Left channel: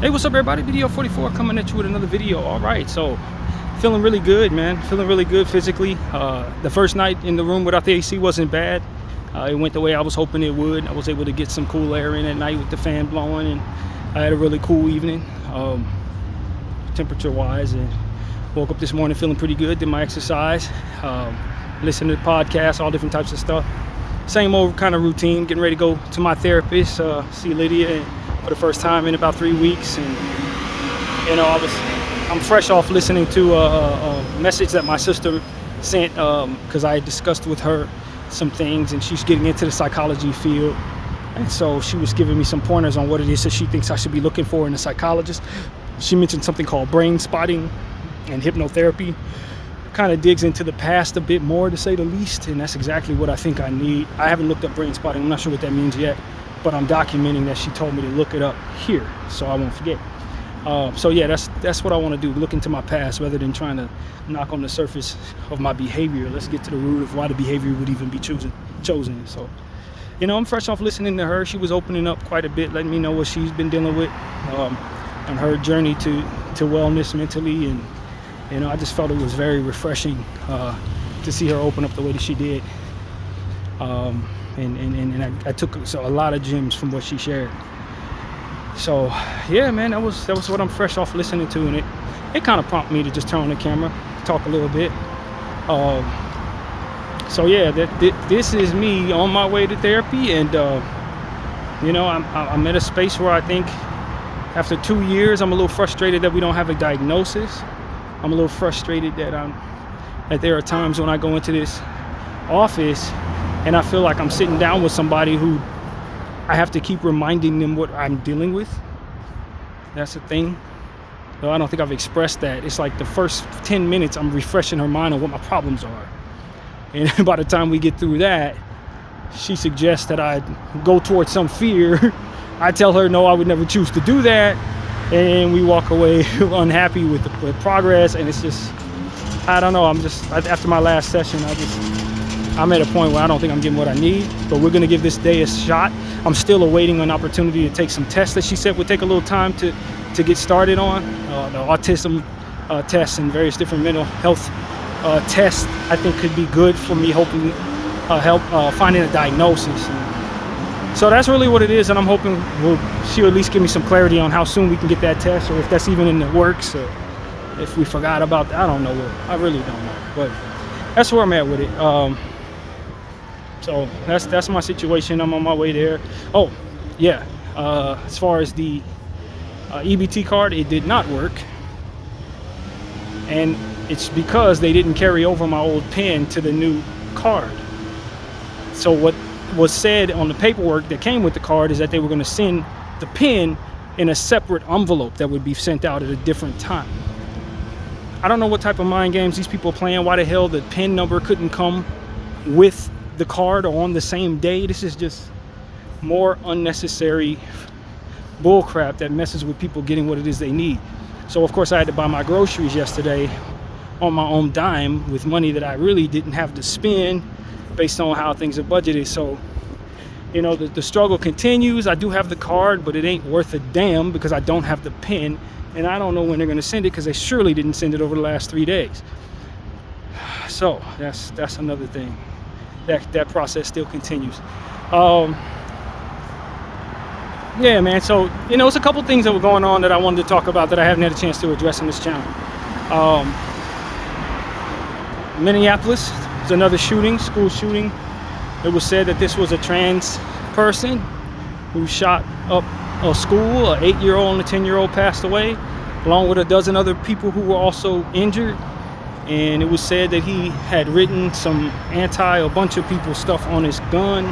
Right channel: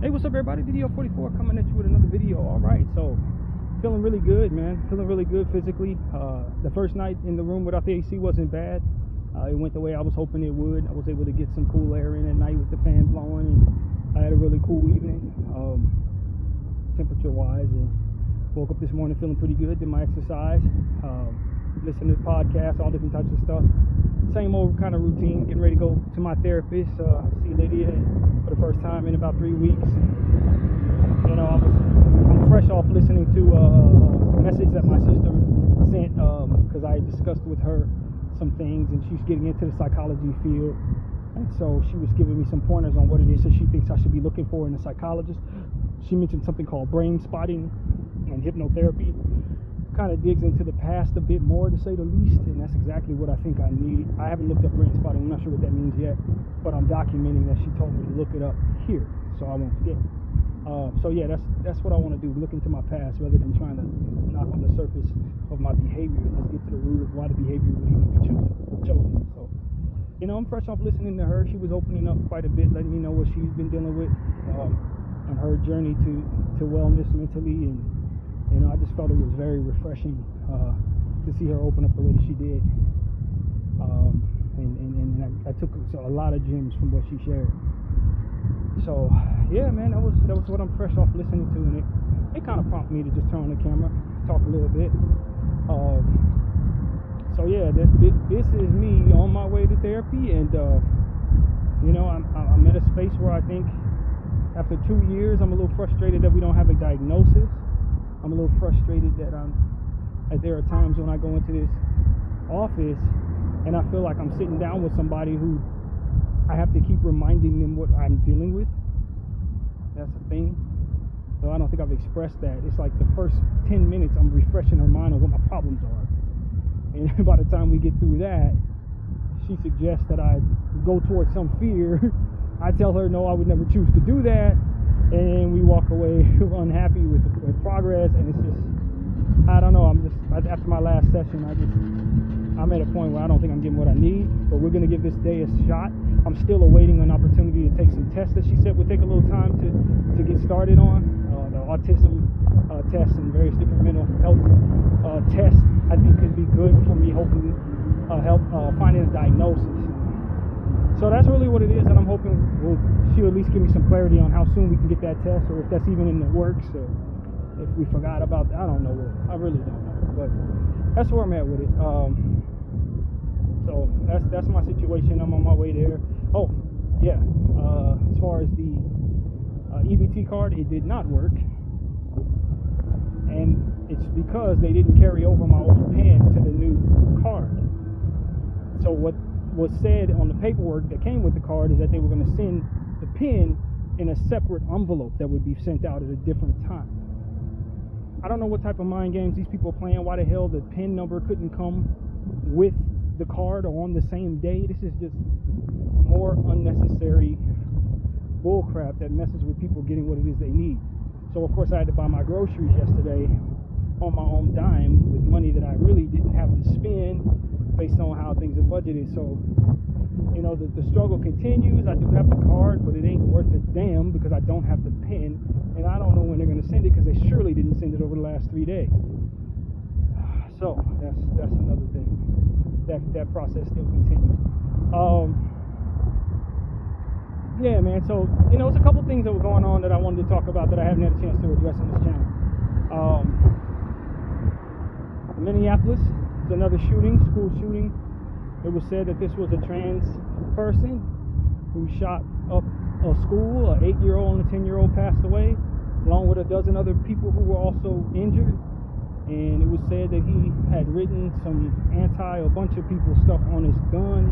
Hey, what's up, everybody? Bdf 44 coming at you with another video. All right, so feeling really good, man. Feeling really good physically. The first night in the room without the AC wasn't bad. It went the way I was hoping it would. I was able to get some cool air in at night with the fan blowing, and I had a really cool evening, temperature-wise. And woke up this morning feeling pretty good. Did my exercise, listened to podcasts, all different types of stuff. Same old kind of routine. Getting ready to go to my therapist, see Lydia, for the first time in about 3 weeks. And you know, I'm fresh off listening to a message that my sister sent, because I had discussed with her some things, and she's getting into the psychology field, and so she was giving me some pointers on what it is that she thinks I should be looking for in a psychologist. She mentioned something called brain spotting and hypnotherapy. Kind of digs into the past a bit more, to say the least, and that's exactly what I think I need. I haven't looked up brain spotting. I'm not sure what that means yet, but I'm documenting that she told me to look it up here so I won't forget. So yeah, that's what I want to do, look into my past rather than trying to knock on the surface of my behavior. Let's get to the root of why the behavior would even be chosen. So, you know, I'm fresh off listening to her. She was opening up quite a bit, letting me know what she's been dealing with, and her journey to wellness mentally. And you know, I just felt it was very refreshing to see her open up the way that she did. And I took a lot of gems from what she shared. So yeah, man, that was what I'm fresh off listening to, and it kind of prompted me to just turn on the camera, talk a little bit. So yeah, this is me on my way to therapy, and you know, I'm at a space where I think after 2 years, I'm a little frustrated that we don't have a diagnosis. I'm a little frustrated that there are times when I go into this office and I feel like I'm sitting down with somebody who I have to keep reminding them what I'm dealing with. That's the thing. Though I don't think I've expressed that. It's like the first 10 minutes I'm refreshing her mind on what my problems are. And by the time we get through that, she suggests that I go towards some fear. I tell her no, I would never choose to do that. And we walk away unhappy with the progress. And it's just, I don't know, after my last session, I'm at a point where I don't think I'm getting what I need, but we're gonna give this day a shot. I'm still awaiting an opportunity to take some tests that she said would take a little time to get started on. The autism tests and various different mental health tests, I think, could be good for me hoping help finding a diagnosis. So that's really what it is, and I'm hoping she'll at least give me some clarity on how soon we can get that test, or if that's even in the works, or if we forgot about that. I don't know. I really don't know, but that's where I'm at with it. So that's my situation. I'm on my way there. Oh yeah, as far as the EBT card, it did not work, and it's because they didn't carry over my old PIN to the new card. So what was said on the paperwork that came with the card is that they were going to send the PIN in a separate envelope that would be sent out at a different time. I don't know what type of mind games these people are playing. Why the hell the PIN number couldn't come with the card or on the same day? This is just more unnecessary bullcrap that messes with people getting what it is they need. So of course I had to buy my groceries yesterday on my own dime with money that I really didn't have to spend based on how things are budgeted. So you know, the struggle continues. I do have the card, but it ain't worth a damn because I don't have the PIN, and I don't know when they're going to send it because they surely didn't send it over the last 3 days. So that's another thing. That process still continues. Yeah, man. So you know, it's a couple things that were going on that I wanted to talk about that I haven't had a chance to address in this channel. Minneapolis, there's another shooting, school shooting. It was said that this was a trans person who shot up a school. An 8-year-old and a 10-year-old passed away, along with a dozen other people who were also injured. And it was said that he had written some a bunch of people stuff on his gun,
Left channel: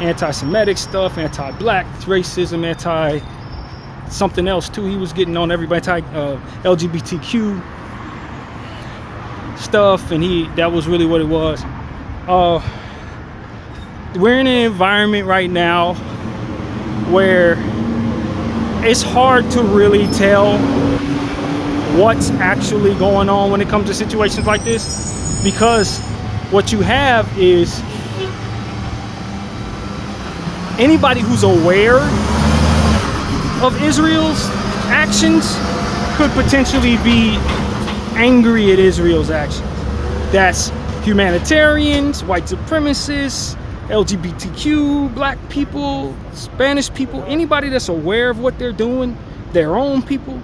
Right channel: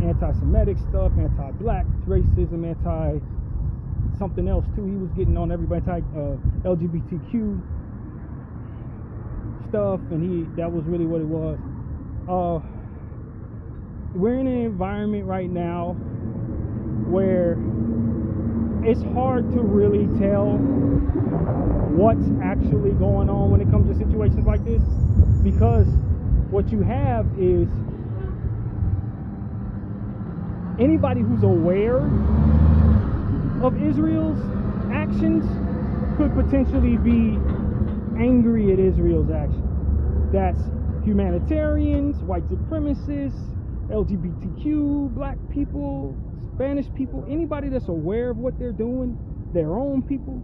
anti-Semitic stuff, anti-black racism, anti-something else too. He was getting on everybody, LGBTQ stuff, and that was really what it was. We're in an environment right now where it's hard to really tell what's actually going on when it comes to situations like this, because what you have is anybody who's aware of Israel's actions could potentially be angry at Israel's actions. That's humanitarians, white supremacists, LGBTQ, black people, Spanish people, anybody that's aware of what they're doing, their own people,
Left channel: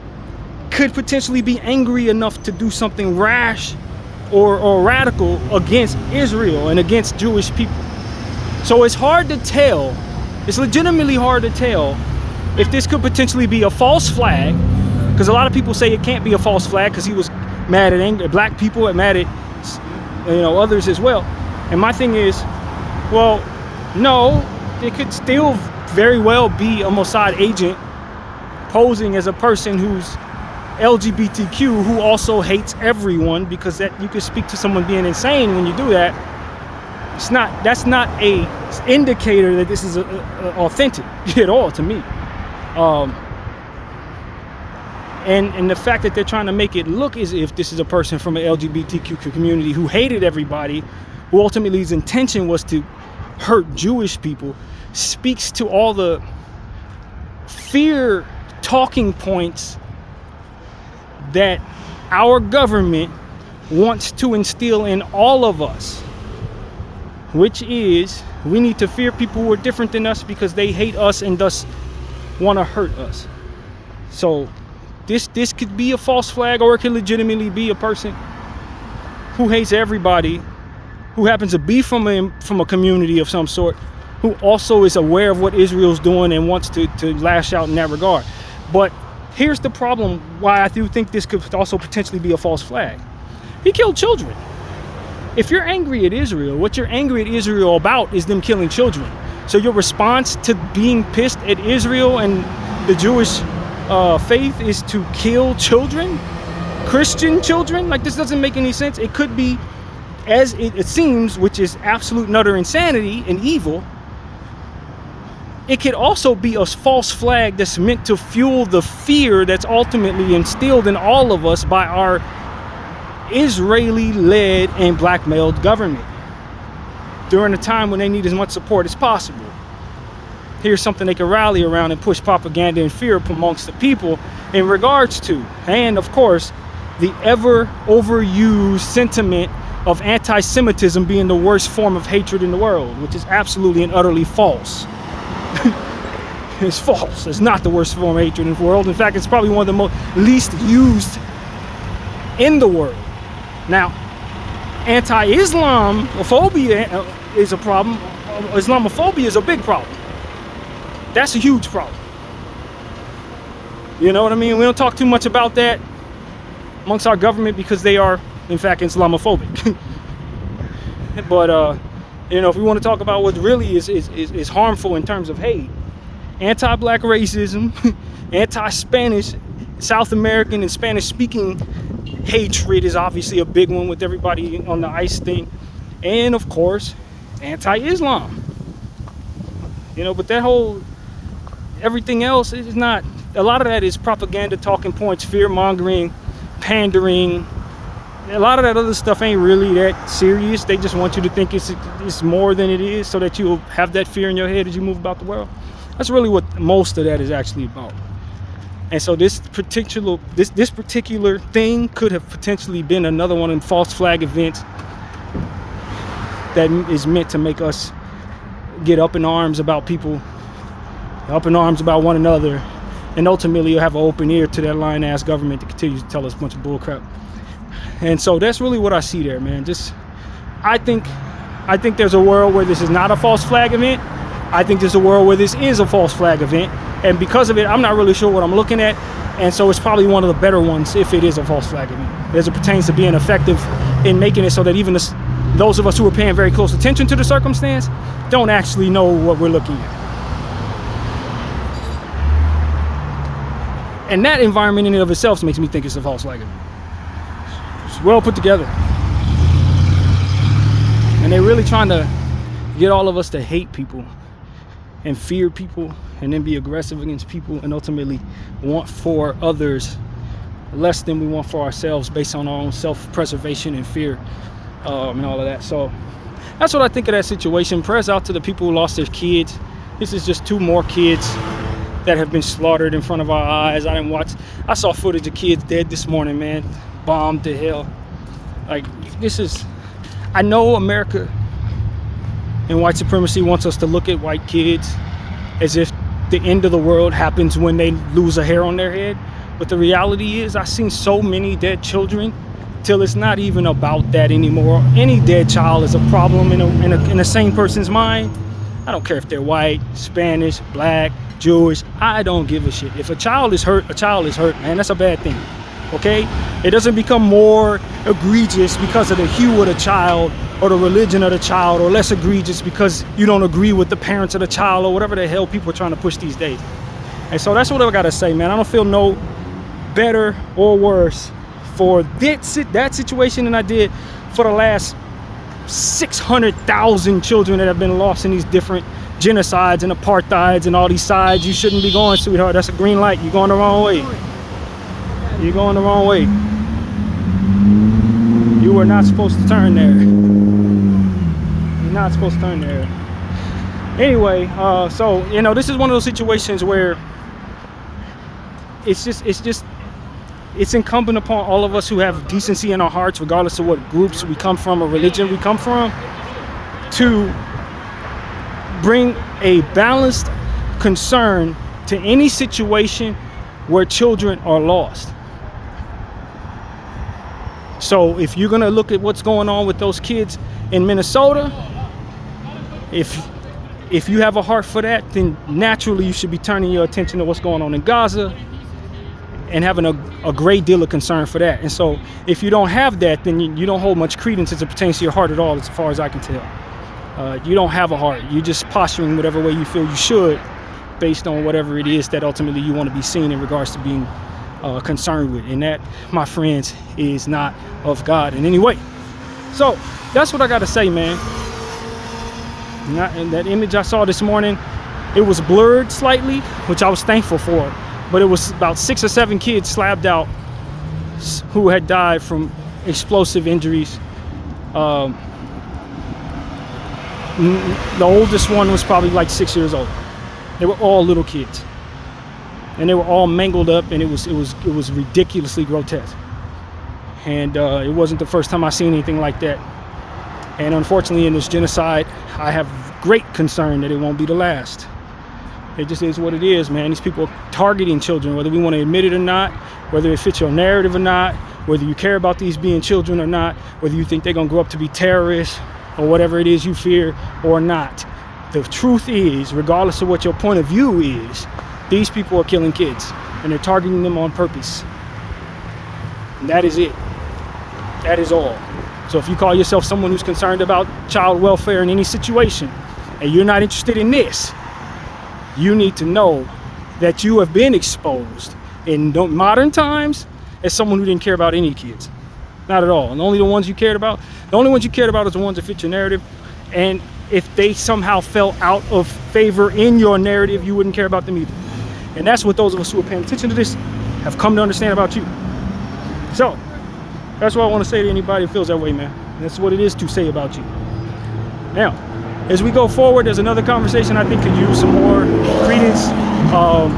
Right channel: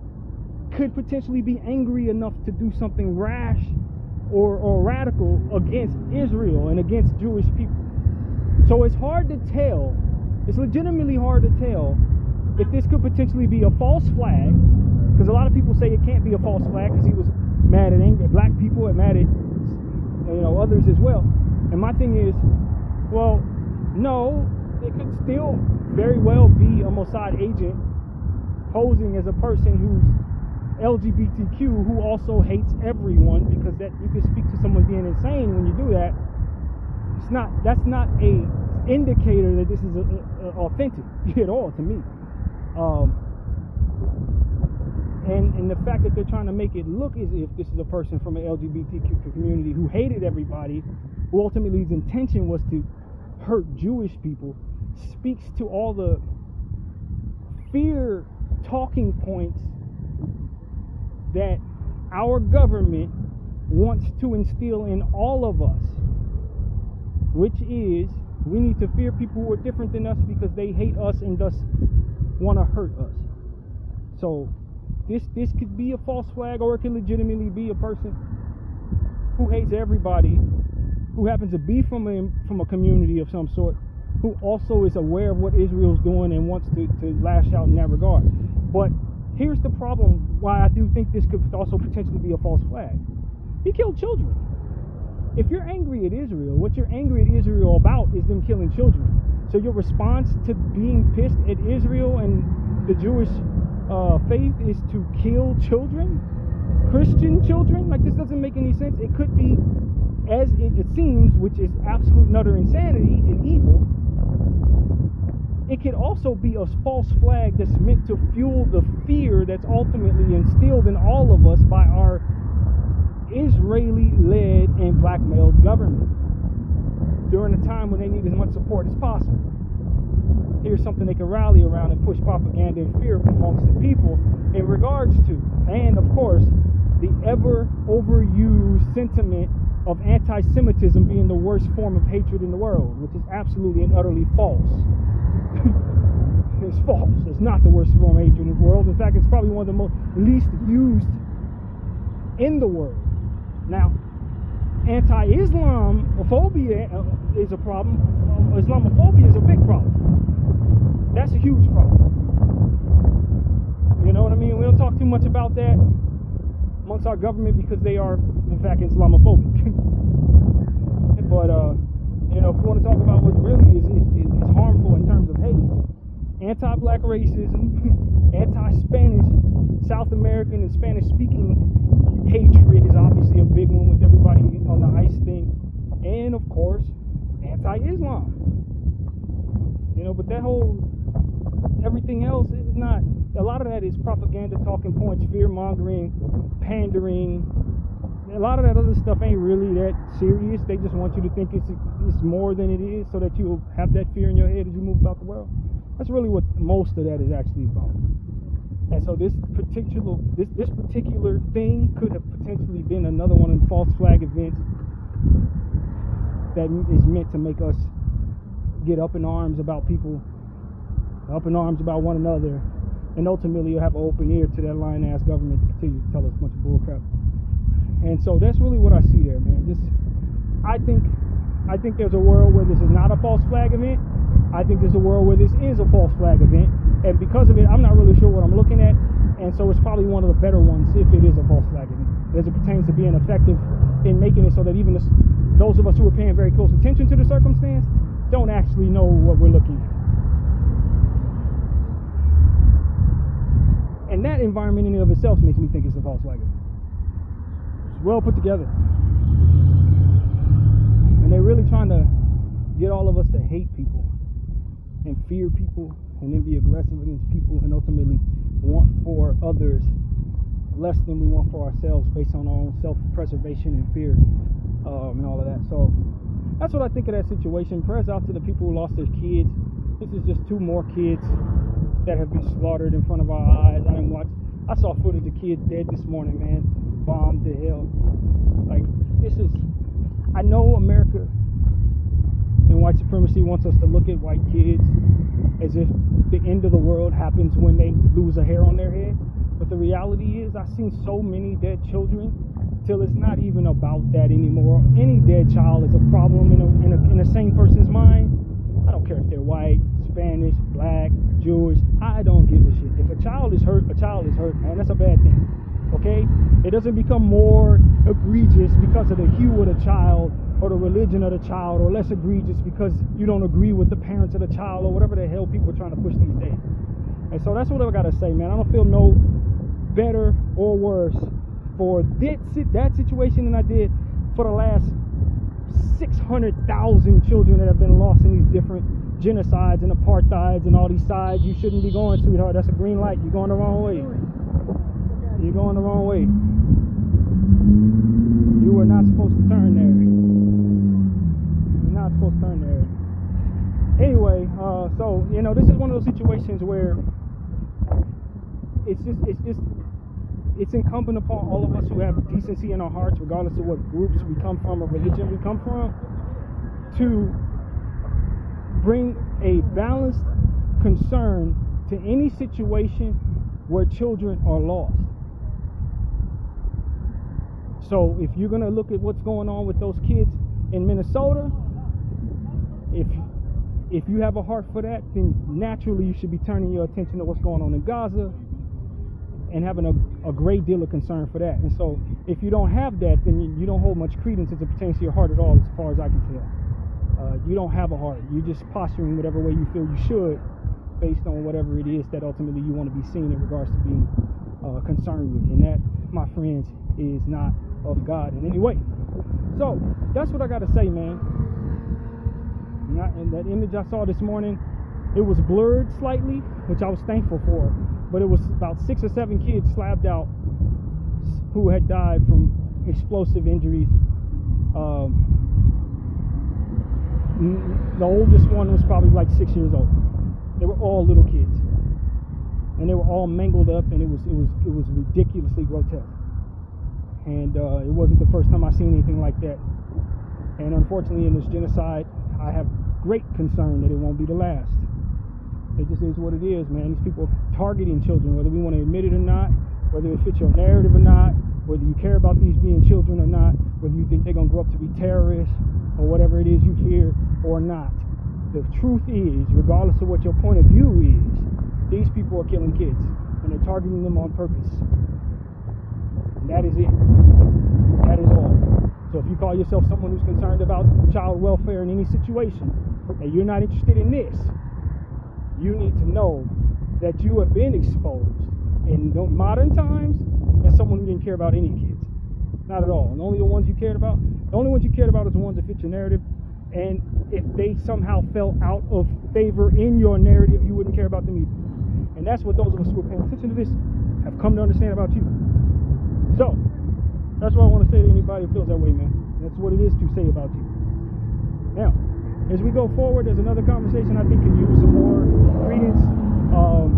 could potentially be angry enough to do something rash or radical against Israel and against Jewish people. So it's hard to tell, it's legitimately hard to tell if this could potentially be a false flag, because a lot of people say it can't be a false flag because he was mad at black people and mad at others as well. And my thing is, well, no, it could still very well be a Mossad agent posing as a person who's LGBTQ who also hates everyone, because that you could speak to someone being insane when you do that. That's not a indicator that this is authentic at all to me. And the fact that they're trying to make it look as if this is a person from an LGBTQ community who hated everybody, who ultimately his intention was to hurt Jewish people, speaks to all the fear talking points that our government wants to instill in all of us, which is we need to fear people who are different than us because they hate us and thus want to hurt us. So this could be a false flag, or it could legitimately be a person who hates everybody, who happens to be from a community of some sort, who also is aware of what Israel's doing and wants to lash out in that regard. But here's the problem why I do think this could also potentially be a false flag. He killed children. If you're angry at Israel, what you're angry at Israel about is them killing children. So your response to being pissed at Israel and the Jewish faith is to kill children, Christian children? Like, this doesn't make any sense. It could be, as it seems, which is absolute and utter insanity and evil. It could also be a false flag that's meant to fuel the fear that's ultimately instilled in all of us by our Israeli-led and blackmailed government during a time when they need as much support as possible. Here's something they can rally around and push propaganda and fear amongst the people in regards to, and of course, the ever overused sentiment of anti-Semitism being the worst form of hatred in the world, which is absolutely and utterly false. It's false. It's not the worst form of hatred in the world. In fact, it's probably one of the least used in the world. Now, anti-Islamophobia is a problem. Islamophobia is a big problem. That's a huge problem. You know what I mean? We don't talk too much about that amongst our government because they are, in fact, Islamophobic. But if we want to talk about what really is harmful in terms of hate, anti-black racism, anti-Spanish, South American and Spanish-speaking hatred is obviously a big one with everybody on the ICE thing, and of course, anti-Islam. But that whole everything else is not. A lot of that is propaganda, talking points, fear-mongering, pandering. A lot of that other stuff ain't really that serious. They just want you to think it's more than it is, so that you'll have that fear in your head as you move about the world. That's really what most of that is actually about. And so this particular thing could have potentially been another one of the false flag events that is meant to make us get up in arms about people, up in arms about one another, and ultimately you'll have an open ear to that lying ass government that continues to tell us a bunch of bullcrap. And so that's really what I see there, man. I think there's a world where this is not a false flag event. I think there's a world where this is a false flag event, and because of it, I'm not really sure what I'm looking at, and so it's probably one of the better ones if it is a false flag event, as it pertains to being effective in making it so that even those of us who are paying very close attention to the circumstance don't actually know what we're looking at. And that environment in and of itself makes me think it's a false flag event. It's well put together. And they're really trying to get all of us to hate people and fear people and then be aggressive against people and ultimately want for others less than we want for ourselves based on our own self-preservation and fear and all of that. So that's what I think of that situation. Prayers out to the people who lost their kids. This is just 2 more kids that have been slaughtered in front of our eyes. I saw footage of kids dead this morning, man, bombed to hell. Like, I know America and white supremacy wants us to look at white kids as if the end of the world happens when they lose a hair on their head. But the reality is, I've seen so many dead children till it's not even about that anymore. Any dead child is a problem in a sane person's mind. I don't care if they're white, Spanish, black, Jewish. I don't give a shit. If a child is hurt, a child is hurt, man. That's a bad thing. Okay? It doesn't become more egregious because of the hue of the child or the religion of the child, or less egregious because you don't agree with the parents of the child, or whatever the hell people are trying to push these days. And so that's what I gotta say, man. I don't feel no better or worse for that situation than I did for the last 600,000 children that have been lost in these different genocides and apartheids and all these sides you shouldn't be going, sweetheart. That's a green light. You're going the wrong way. You're going the wrong way. You were not supposed to turn there. You're not supposed to turn there. Anyway, so, you know, this is one of those situations where it's incumbent upon all of us who have decency in our hearts, regardless of what groups we come from or religion we come from, to bring a balanced concern to any situation where children are lost. So if you're gonna look at what's going on with those kids in Minnesota, if you have a heart for that, then naturally you should be turning your attention to what's going on in Gaza and having a great deal of concern for that. And so if you don't have that, then you don't hold much credence as it pertains to your heart at all, as far as I can tell. You don't have a heart. You're just posturing whatever way you feel you should based on whatever it is that ultimately you want to be seen in regards to being concerned with. And that, my friends, is not of God in any way. So that's what I got to say, man. And that image I saw this morning, it was blurred slightly, which I was thankful for. But it was about 6 or 7 kids slabbed out who had died from explosive injuries. The oldest one was probably like 6 years old. They were all little kids, and they were all mangled up, and it was ridiculously grotesque. And it wasn't the first time I seen anything like that. And unfortunately, in this genocide, I have great concern that it won't be the last. It just is what it is, man. These people are targeting children, whether we want to admit it or not, whether it fits your narrative or not, whether you care about these being children or not, whether you think they're going to grow up to be terrorists or whatever it is you fear or not. The truth is, regardless of what your point of view is, these people are killing kids, and they're targeting them on purpose. And that is it. That is all. So if you call yourself someone who's concerned about child welfare in any situation, and you're not interested in this, you need to know that you have been exposed in modern times as someone who didn't care about any kids. Not at all. And only the ones you cared about is the ones that fit your narrative. And if they somehow fell out of favor in your narrative, you wouldn't care about them either. And that's what those of us who are paying attention to this have come to understand about you. So that's what I want to say to anybody who feels that way, man. That's what it is to say about you. Now, as we go forward, there's another conversation I think could use some more credence,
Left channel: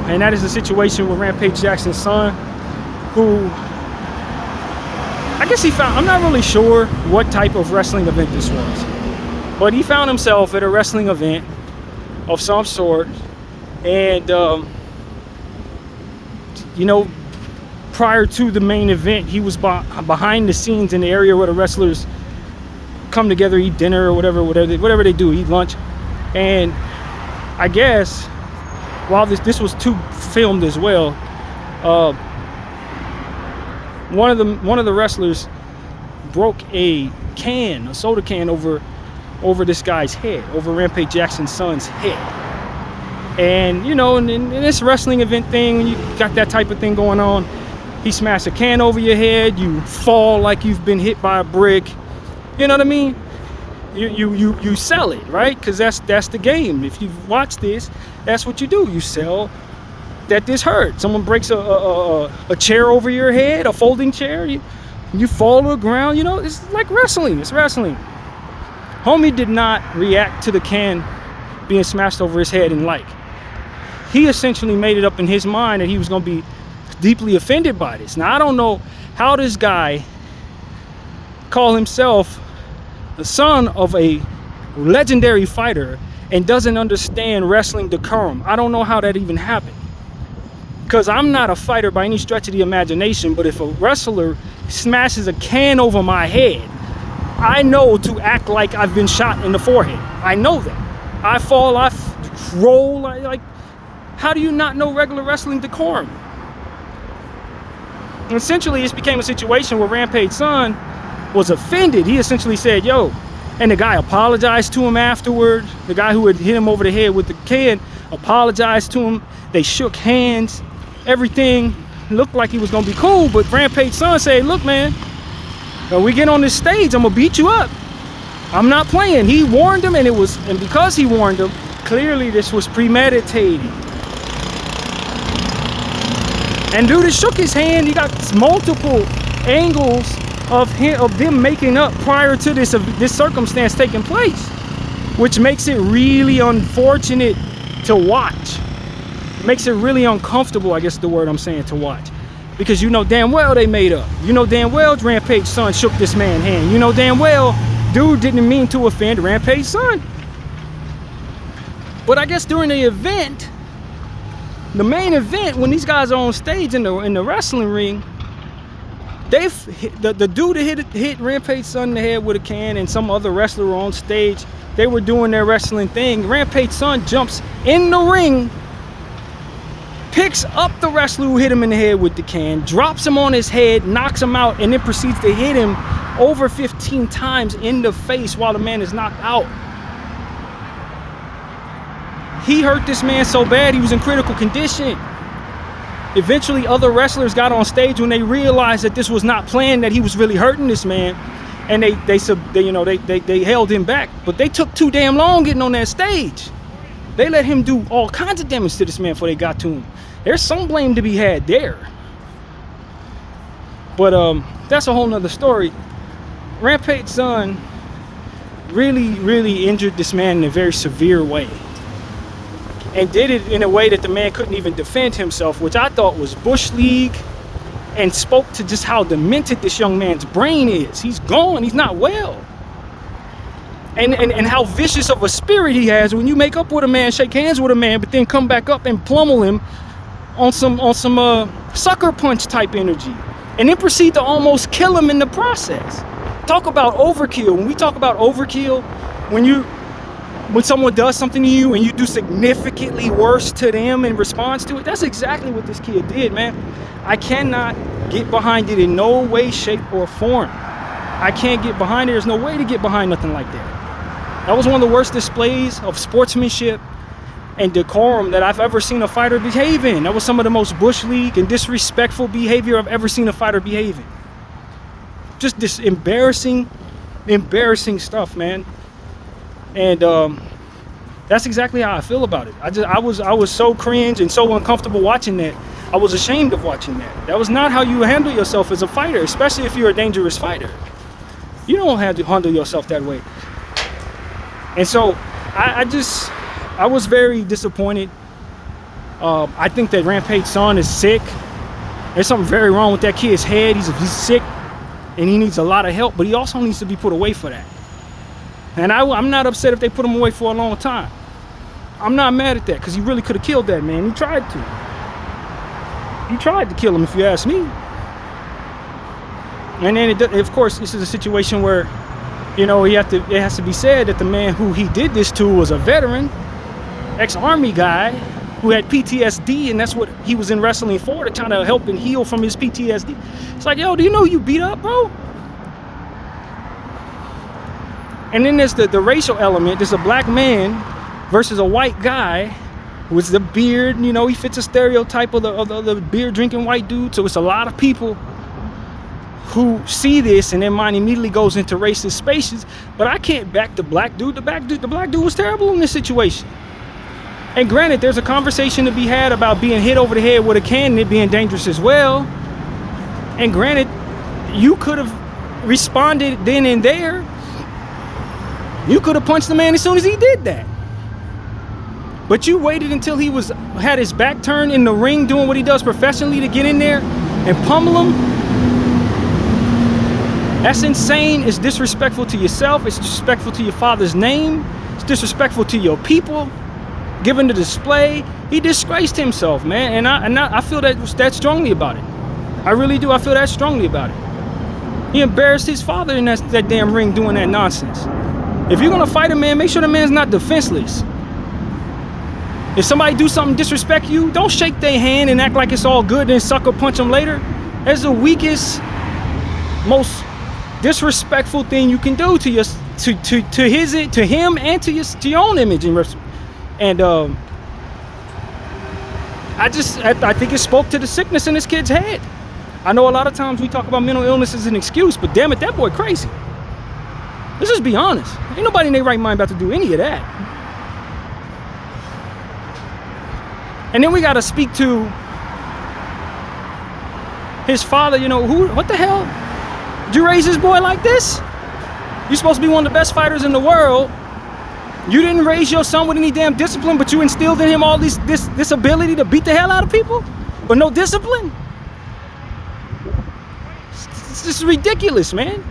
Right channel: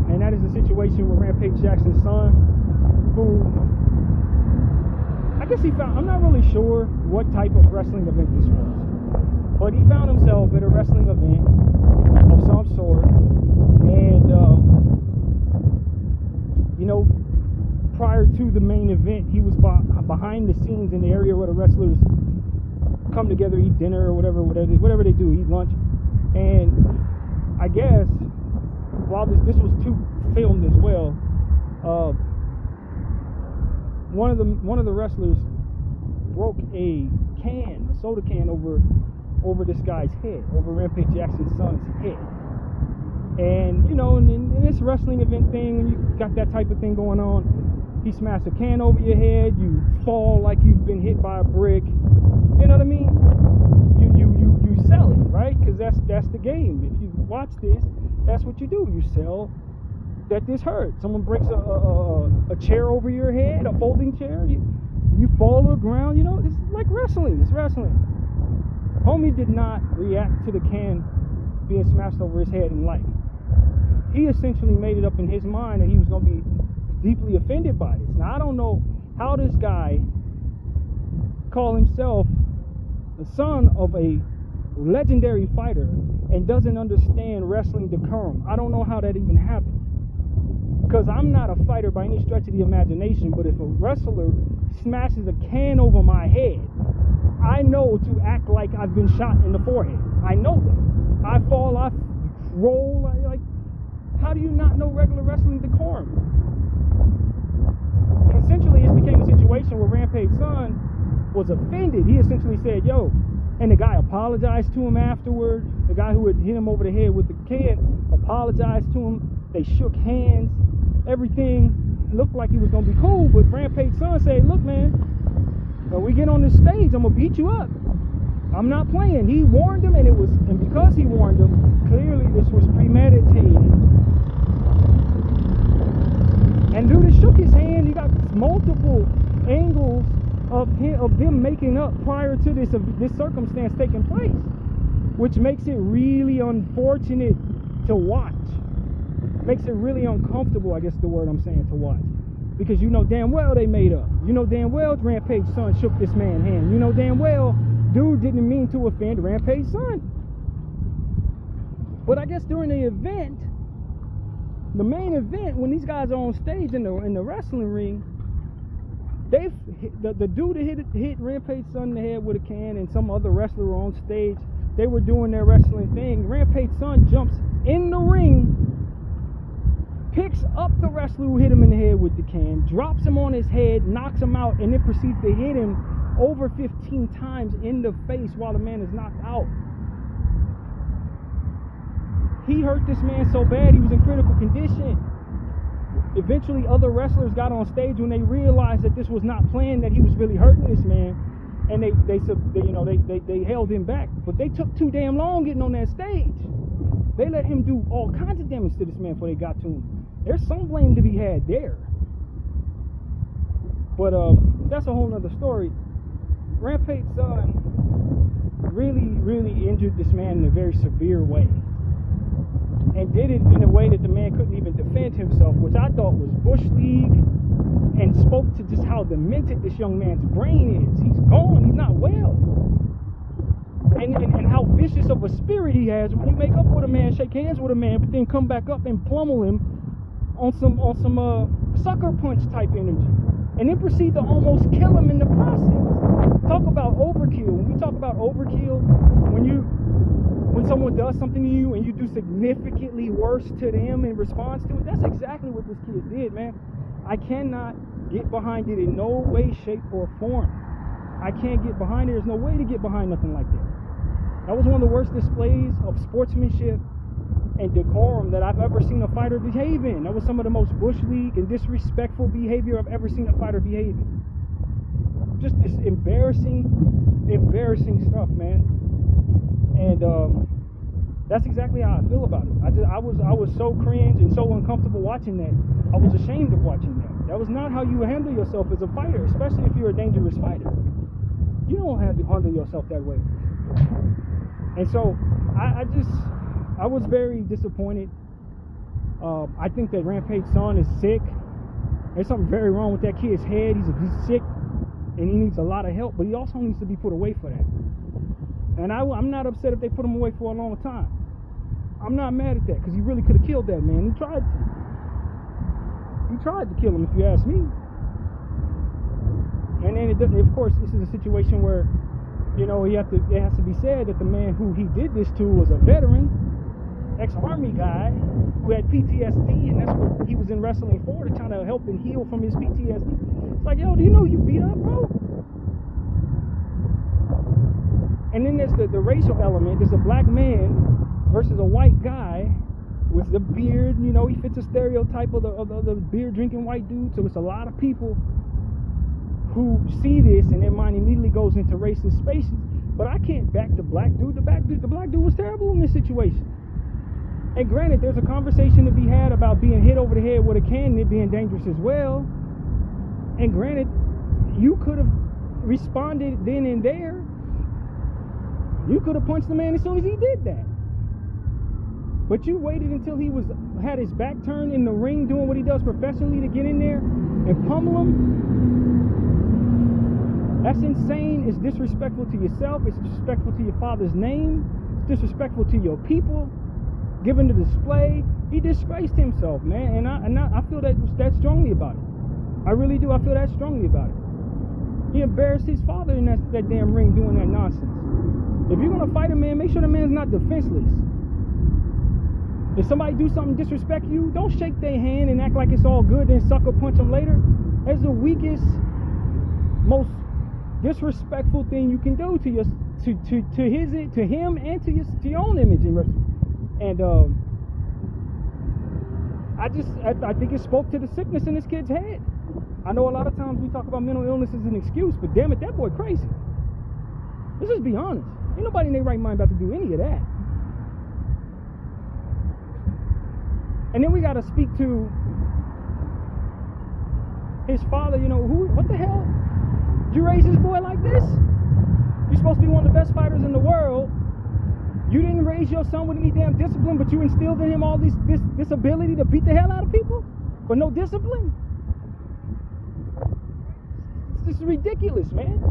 and that is the situation with Rampage Jackson's son, who I guess I'm not really sure what type of wrestling event this was, but he found himself at a wrestling event of some sort, and you know, prior to the main event, he was behind the scenes in the area where the wrestlers come together, eat dinner or whatever they do, eat lunch. And I guess while this was filmed as well, one of the wrestlers broke a soda can over this guy's head, over Rampage Jackson's son's head. And you know, in this wrestling event thing, when you got that type of thing going on, he smashed a can over your head, you fall like you've been hit by a brick. You know what I mean? You sell it, right? Because that's the game. If you watch this, that's what you do. You sell that this hurt. Someone breaks a chair over your head, a folding chair, you fall to the ground. You know, it's like wrestling. It's wrestling. Homie did not react to the can being smashed over his head and he essentially made it up in his mind that he was going to be deeply offended by this. Now, I don't know how this guy call himself the son of a legendary fighter and doesn't understand wrestling decorum. I don't know how that even happened, because I'm not a fighter by any stretch of the imagination, but if a wrestler smashes a can over my head, I know to act like I've been shot in the forehead. I know that. I fall, I roll, like, how do you not know regular wrestling decorum? And essentially, this became a situation where Rampage's son was offended. He essentially said, yo, and the guy apologized to him afterward. The guy who had hit him over the head with the can apologized to him. They shook hands. Everything looked like he was gonna be cool, but Rampage's son said, look, man, when we get on this stage, I'm gonna beat you up. I'm not playing. He warned him, and because he warned him, clearly this was premeditated. And dude shook his hand. He got multiple angles of them making up prior to this circumstance taking place, which makes it really unfortunate to watch. Makes it really uncomfortable, I guess is the word I'm saying, to watch, because you know damn well they made up. You know damn well Rampage's son shook this man's hand. You know damn well dude didn't mean to offend Rampage's son. But I guess during the event, the main event, when these guys are on stage in the wrestling ring, the dude that hit Rampage's son in the head with a can, and some other wrestler on stage, they were doing their wrestling thing. Rampage's son jumps in the ring, picks up the wrestler who hit him in the head with the can, drops him on his head, knocks him out, and then proceeds to hit him over 15 times in the face while the man is knocked out. He hurt this man so bad he was in critical condition. Eventually, other wrestlers got on stage when they realized that this was not planned, that he was really hurting this man, and they held him back. But they took too damn long getting on that stage. They let him do all kinds of damage to this man before they got to him. There's some blame to be had there. But that's a whole nother story. Rampage's son really injured this man in a very severe way, and did it in a way that the man couldn't even defend himself, which I thought was Bush League, and spoke to just how demented this young man's brain is. He's gone, he's not well. And how vicious of a spirit he has when you make up with a man, shake hands with a man, but then come back up and pummel him on some sucker punch type energy, and then proceed to almost kill him in the process. Talk about overkill. When we talk about overkill, when someone does something to you and you do significantly worse to them in response to it, that's exactly what this kid did, man. I cannot get behind it in no way, shape, or form. I can't get behind it. There's no way to get behind nothing like that. That was one of the worst displays of sportsmanship and decorum that I've ever seen a fighter behave in. That was some of the most Bush League and disrespectful behavior I've ever seen a fighter behave in. Just this embarrassing stuff, man. And that's exactly how I feel about it. I was so cringe and so uncomfortable watching that. I was ashamed of watching that. That was not how you handle yourself as a fighter, especially if you're a dangerous fighter. You don't have to handle yourself that way. And so I was very disappointed. I think that Rampage's son is sick. There's something very wrong with that kid's head. He's sick, and he needs a lot of help, but he also needs to be put away for that. And I'm not upset if they put him away for a long time. I'm not mad at that, because he really could have killed that man. He tried to. He tried to kill him, if you ask me. And then, of course, this is a situation where, you know, it has to be said that the man who he did this to was a veteran, ex-Army guy who had PTSD, and that's what he was in wrestling for, to try to help him heal from his PTSD. It's like, yo, do you know you beat up, bro? And then there's the racial element. There's a black man versus a white guy with the beard. You know, he fits a stereotype of the beer drinking white dude. So it's a lot of people who see this and their mind immediately goes into racist spaces. But I can't back the black dude. The black dude was terrible in this situation. And granted, there's a conversation to be had about being hit over the head with a can and it being dangerous as well. And granted, you could have responded then and there. You could have punched the man as soon as he did that. But you waited until he had his back turned in the ring doing what he does professionally to get in there and pummel him? That's insane. It's disrespectful to yourself. It's disrespectful to your father's name. It's disrespectful to your people. Given the display, he disgraced himself, man. And I feel that strongly about it. I really do. I feel that strongly about it. He embarrassed his father in that damn ring doing that nonsense. If you're gonna fight a man, make sure the man's not defenseless. If somebody do something disrespect you, don't shake their hand and act like it's all good and sucker punch them later. That's the weakest, most disrespectful thing you can do to him and to your own image. And I think it spoke to the sickness in this kid's head. I know a lot of times we talk about mental illness as an excuse, but damn it, that boy crazy. Let's just be honest. Ain't nobody in their right mind about to do any of that. And then we got to speak to his father. You know, what the hell? Did you raise this boy like this? You're supposed to be one of the best fighters in the world. You didn't raise your son with any damn discipline, but you instilled in him all this ability to beat the hell out of people, but no discipline. It's just ridiculous, man.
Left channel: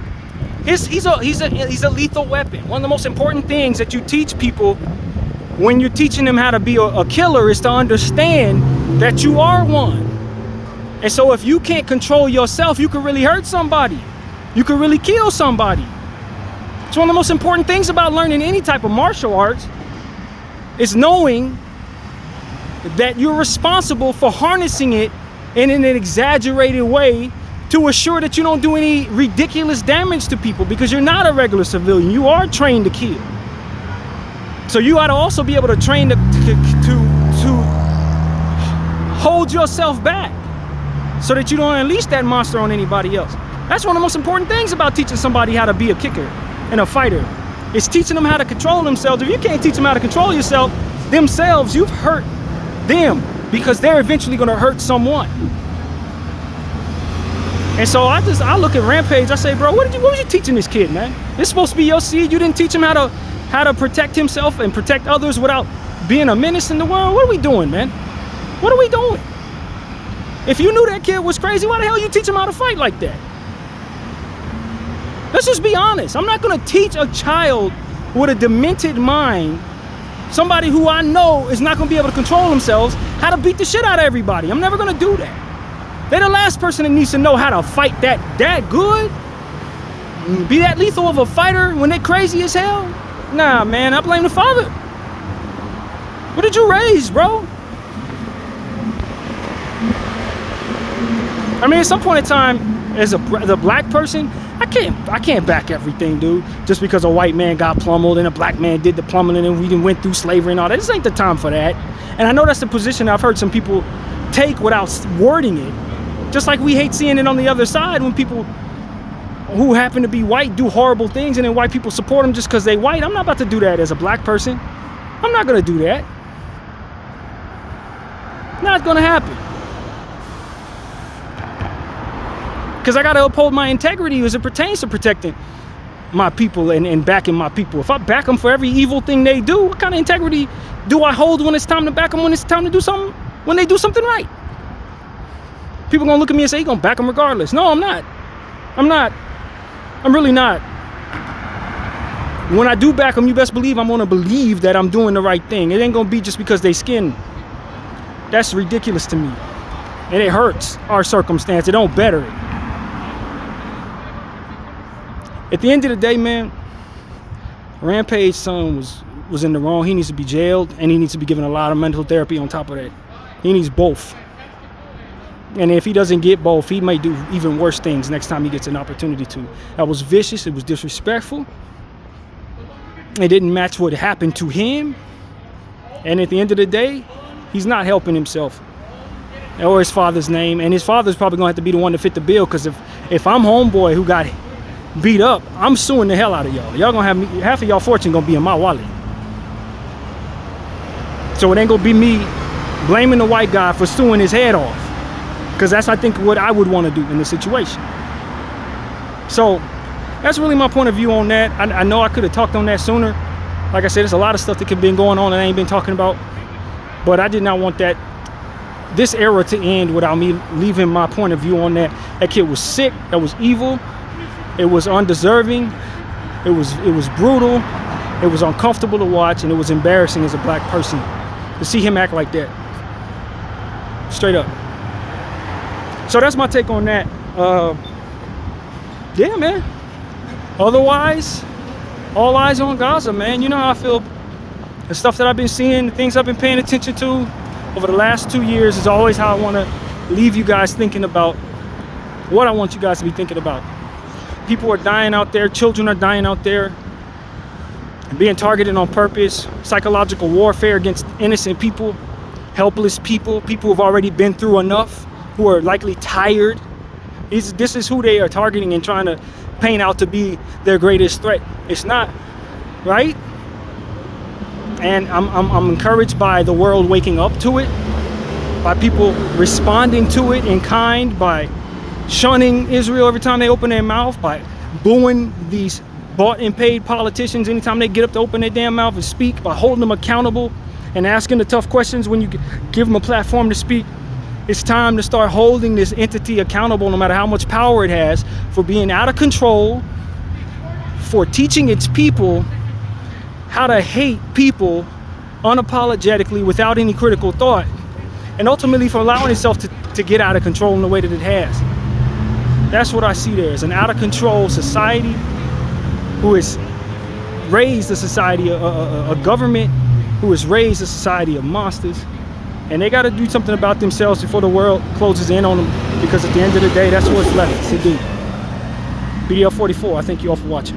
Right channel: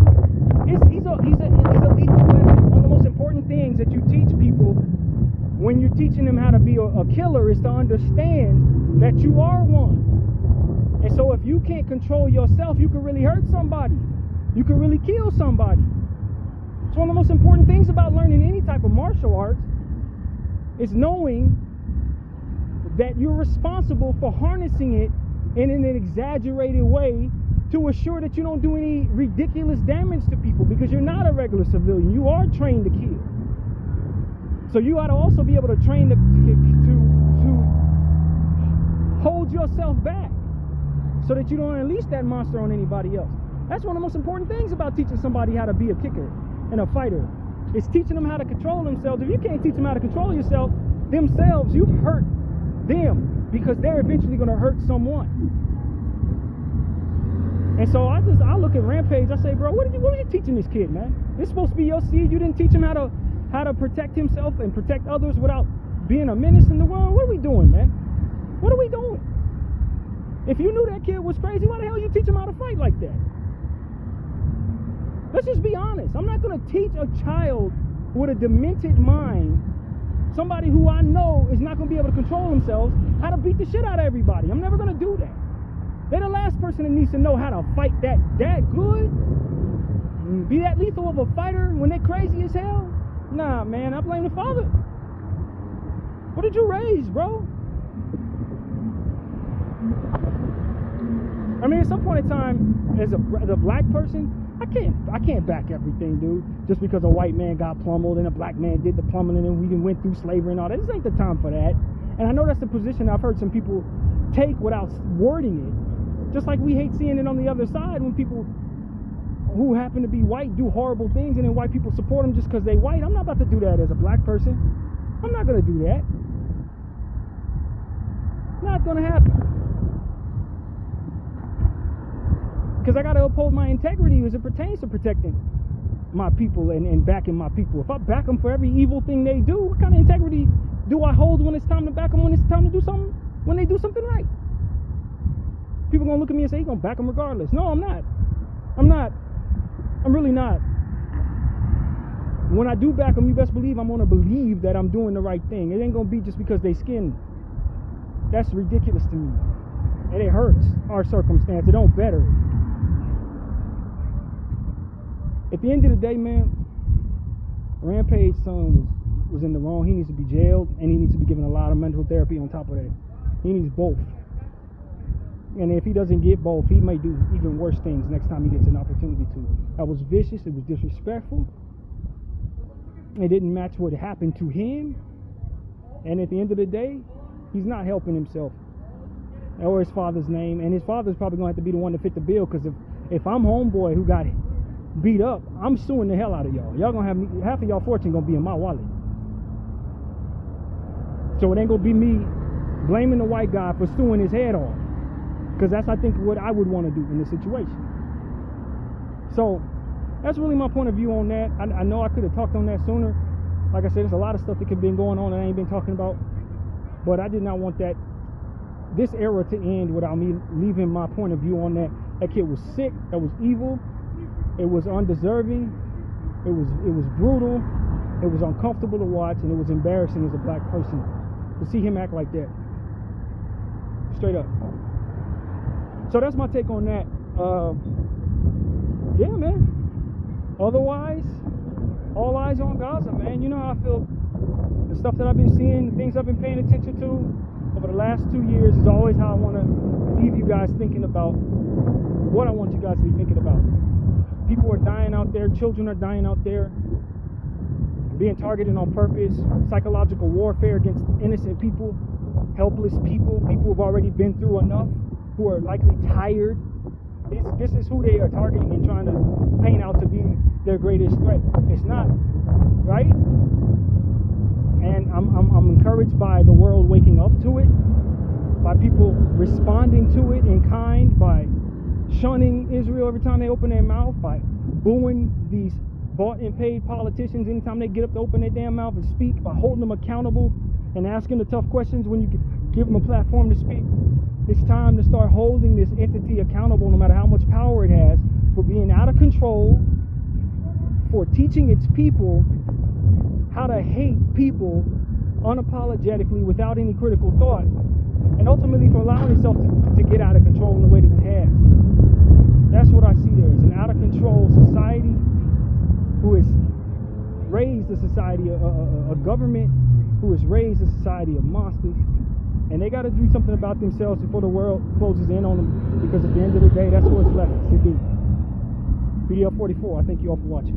He's a lethal weapon. One of the most important things that you teach people when you're teaching them how to be a killer is to understand that you are one. And so if you can't control yourself, you can really hurt somebody. You can really kill somebody. It's one of the most important things about learning any type of martial arts is knowing that you're responsible for harnessing it in an exaggerated way to assure that you don't do any ridiculous damage to people, because you're not a regular civilian. You are trained to kill. So you ought to also be able to train to hold yourself back so that you don't unleash that monster on anybody else. That's one of the most important things about teaching somebody how to be a kicker and a fighter. It's teaching them how to control themselves. If you can't teach them how to control themselves, you've hurt them, because they're eventually going to hurt someone. And so I look at Rampage, I say, bro, what was you teaching this kid, man? This supposed to be your seed. You didn't teach him how to protect himself and protect others without being a menace in the world. What are we doing, man? What are we doing? If you knew that kid was crazy, why the hell you teach him how to fight like that? Let's just be honest. I'm not gonna teach a child with a demented mind, somebody who I know is not gonna be able to control themselves, how to beat the shit out of everybody. I'm never gonna do that. They're the last person that needs to know how to fight that good, be that lethal of a fighter when they're crazy as hell. Nah, man, I blame the father. What did you raise, bro? I mean, at some point in time, as a black person, I can't back everything, dude. Just because a white man got pummeled and a black man did the pummeling and we went through slavery and all that. This ain't the time for that. And I know that's the position I've heard some people take without wording it. Just like we hate seeing it on the other side when people who happen to be white do horrible things and then white people support them just because they white. I'm not about to do that as a black person. I'm not gonna do that. Not gonna happen. Because I gotta uphold my integrity as it pertains to protecting my people and backing my people. If I back them for every evil thing they do, what kind of integrity do I hold when it's time to back them, when it's time to do something, when they do something right? People gonna look at me and say, you're gonna back them regardless. No, I'm not. I'm really not. When I do back them, you best believe I'm gonna believe that I'm doing the right thing. It ain't gonna be just because they skin. That's ridiculous to me. And it hurts our circumstance. It don't better it. At the end of the day, man, Rampage's son was in the wrong. He needs to be jailed, and he needs to be given a lot of mental therapy on top of that. He needs both. And if he doesn't get both, he may do even worse things next time he gets an opportunity to. That was vicious. It was disrespectful. It didn't match what happened to him. And at the end of the day, he's not helping himself or his father's name. And his father's probably going to have to be the one to fit the bill, because if I'm homeboy who got beat up, I'm suing the hell out of y'all. Y'all gonna have me, half of y'all fortune gonna be in my wallet. So it ain't gonna be me blaming the white guy for suing his head off, because that's, I think, what I would want to do in this situation. So that's really my point of view on that. I know I could have talked on that sooner. Like I said, there's a lot of stuff that could have been going on and I ain't been talking about. But I did not want this era to end without me leaving my point of view on that. That kid was sick, that was evil, it was undeserving, it was brutal, it was uncomfortable to watch, and it was embarrassing as a black person to see him act like that. Straight up. So that's my take on that. Yeah, man. Otherwise, all eyes on Gaza, man. You know how I feel. The stuff that I've been seeing, the things I've been paying attention to over the last 2 years is always how I want to leave you guys thinking about what I want you guys to be thinking about. People are dying out there. Children are dying out there. Being targeted on purpose. Psychological warfare against innocent people. Helpless people. People who've already been through enough. Who are likely tired. This is who they are targeting and trying to paint out to be their greatest threat. It's not, right? And I'm encouraged by the world waking up to it, by people responding to it in kind, by shunning Israel every time they open their mouth, by booing these bought and paid politicians anytime they get up to open their damn mouth and speak, by holding them accountable and asking the tough questions when you give them a platform to speak. It's time to start holding this entity accountable, no matter how much power it has, for being out of control, for teaching its people how to hate people unapologetically without any critical thought, and ultimately for allowing itself to get out of control in the way that it has. That's what I see there, is an out of control society who has raised a society, a government who has raised a society of monsters. And they got to do something about themselves before the world closes in on them, because at the end of the day, that's what's left to do. Bdf 44, I thank you all for watching.